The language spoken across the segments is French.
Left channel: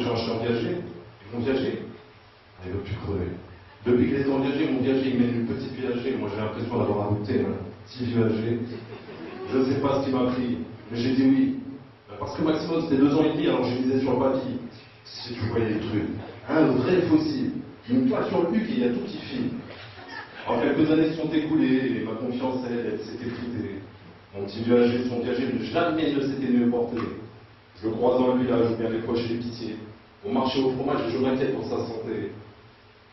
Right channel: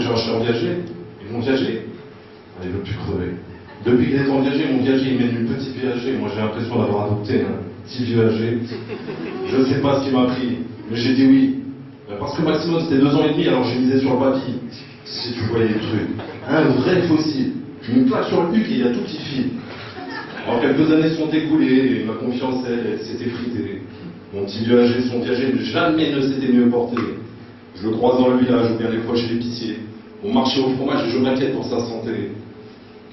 que j'ai acheté en viager. Et mon viager, il veut plus crever. Depuis qu'il est en viager, mon viager, il mène une petite viager. Moi, j'ai l'impression d'avoir adopté un petit viager. Je ne sais pas ce qui m'a pris, mais j'ai dit oui. Parce que maximum, c'était 2 ans et demi, alors j'ai misé sur le papy. Si tu voyais le truc. Un vrai fossile. Une claque sur le cul et il y a tout qui file. Alors, quelques années sont écoulées et ma confiance, elle s'est effritée. Mon petit viager, son viager, jamais ne s'était mieux porté. Je le croise dans le village ou bien des fois chez l'épicier. On marchait au fromage et je m'inquiète pour sa santé.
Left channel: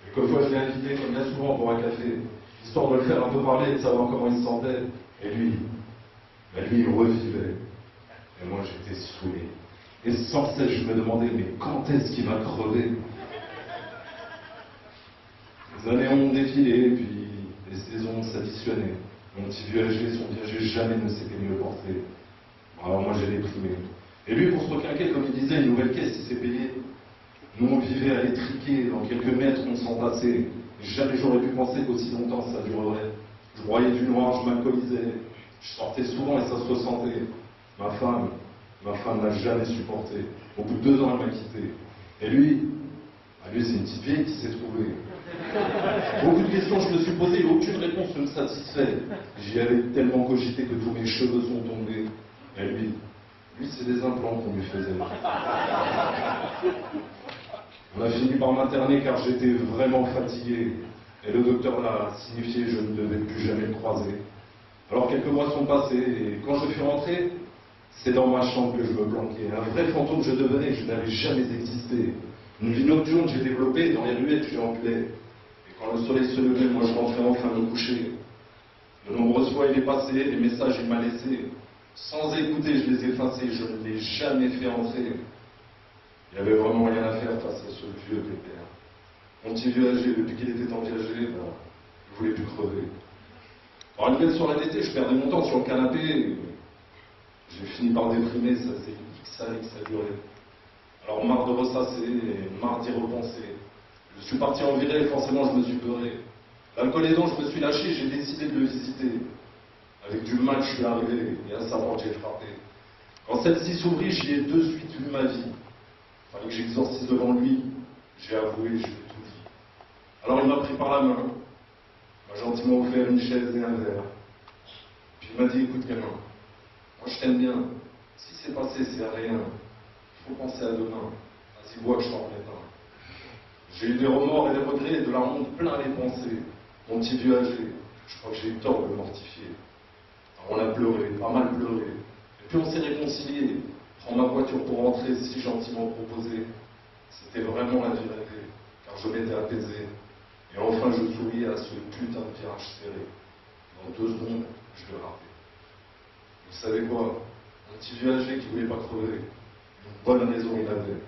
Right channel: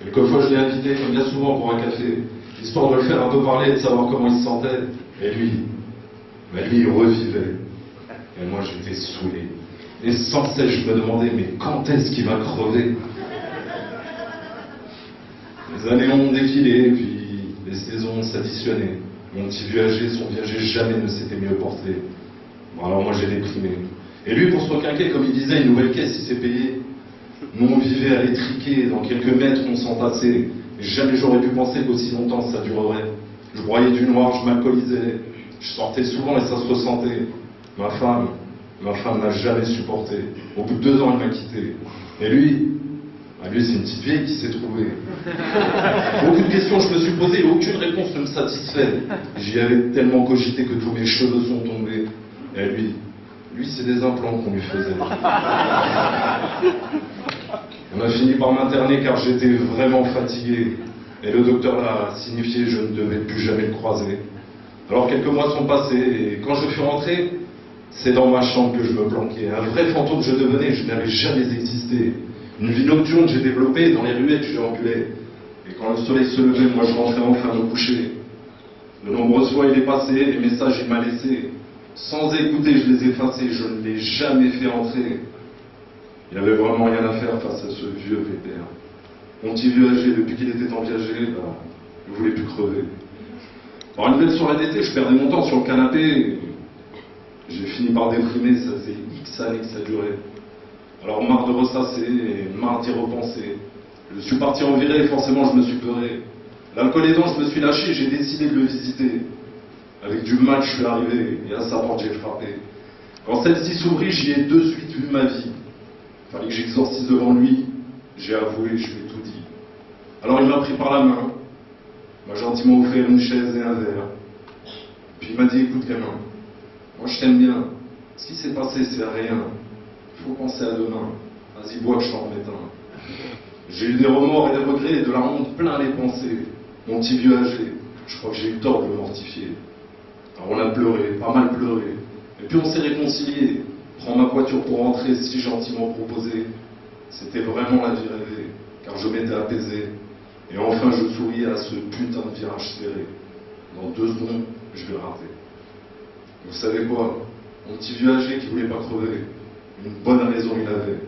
Quelquefois, je l'ai invité, comme bien souvent, pour un café, histoire de le faire un peu parler et de savoir comment il se sentait. Et lui, il revivait. Et moi, j'étais saoulé. Et sans cesse, je me demandais, mais quand est-ce qu'il va crever? Les années ont défilé, puis les saisons s'additionnaient. Mon petit viager, son viager, jamais ne s'était mieux porté. Bon, alors moi, j'ai déprimé. Et lui, pour se requinquer, comme il disait, une nouvelle caisse, il s'est payé. Nous, on vivait à l'étriquer, dans quelques mètres, on s'entassait. Et jamais j'aurais pu penser qu'aussi longtemps ça durerait. Je broyais du noir, je m'alcoolisais. Je sortais souvent et ça se ressentait. Ma femme n'a jamais supporté. Au bout de 2 ans, elle m'a quitté. Et lui, c'est une petite vieille qui s'est trouvée. Beaucoup de questions je me suis posées et aucune réponse ne me satisfait. J'y avais tellement cogité que tous mes cheveux sont tombés. Et lui, c'est des implants qu'on lui faisait. On a fini par m'interner car j'étais vraiment fatigué. Et le docteur l'a signifié, je ne devais plus jamais le croiser. Alors quelques mois sont passés et quand je suis rentré, c'est dans ma chambre que je me planquais. Un vrai fantôme je devenais, je n'avais jamais existé. Une vie nocturne que j'ai développée, dans les ruettes je ambulais. Et quand le soleil se levait, moi je rentrais enfin me coucher. De nombreuses fois il est passé, les messages il m'a laissé. Sans écouter, je les effaçais, je ne l'ai jamais fait entrer. Il n'y avait vraiment rien à faire face à ce vieux pépère. Mon petit viager, depuis qu'il était en viager, il ne voulait plus crever. Alors une belle soirée d'été, je perdais mon temps sur le canapé. J'ai fini par déprimer, ça faisait X années que ça durait. Alors marre de ressasser, marre d'y repenser. Je suis parti en virée et forcément je me suis peuré. L'alcool aidant, je me suis lâché, j'ai décidé de le visiter. Avec du mal, je suis arrivé et à sa porte j'ai frappé. Quand celle-ci s'ouvrit, j'y ai de suite vu ma vie. Fallait que j'exorcise devant lui. J'ai avoué, je lui ai tout dit. Alors il m'a pris par la main, m'a gentiment offert une chaise et un verre. Puis il m'a dit, écoute gamin, moi je t'aime bien. Ce qui s'est passé, c'est rien. Il faut penser à demain. Vas-y, bois que je t'en remette un. J'ai eu des remords et des regrets et de la honte plein les pensées. Mon petit vieux âgé, je crois que j'ai eu tort de le mortifier. Alors on a pleuré, pas mal pleuré. Et puis on s'est réconciliés. Prends ma voiture pour rentrer, si gentiment proposé. C'était vraiment la vie rêvée, car je m'étais apaisé. Et enfin je souriais à ce putain de virage serré. Dans 2 secondes, je vais rater. Vous savez quoi? Mon petit vieux âgé qui voulait pas crever, une bonne raison il avait.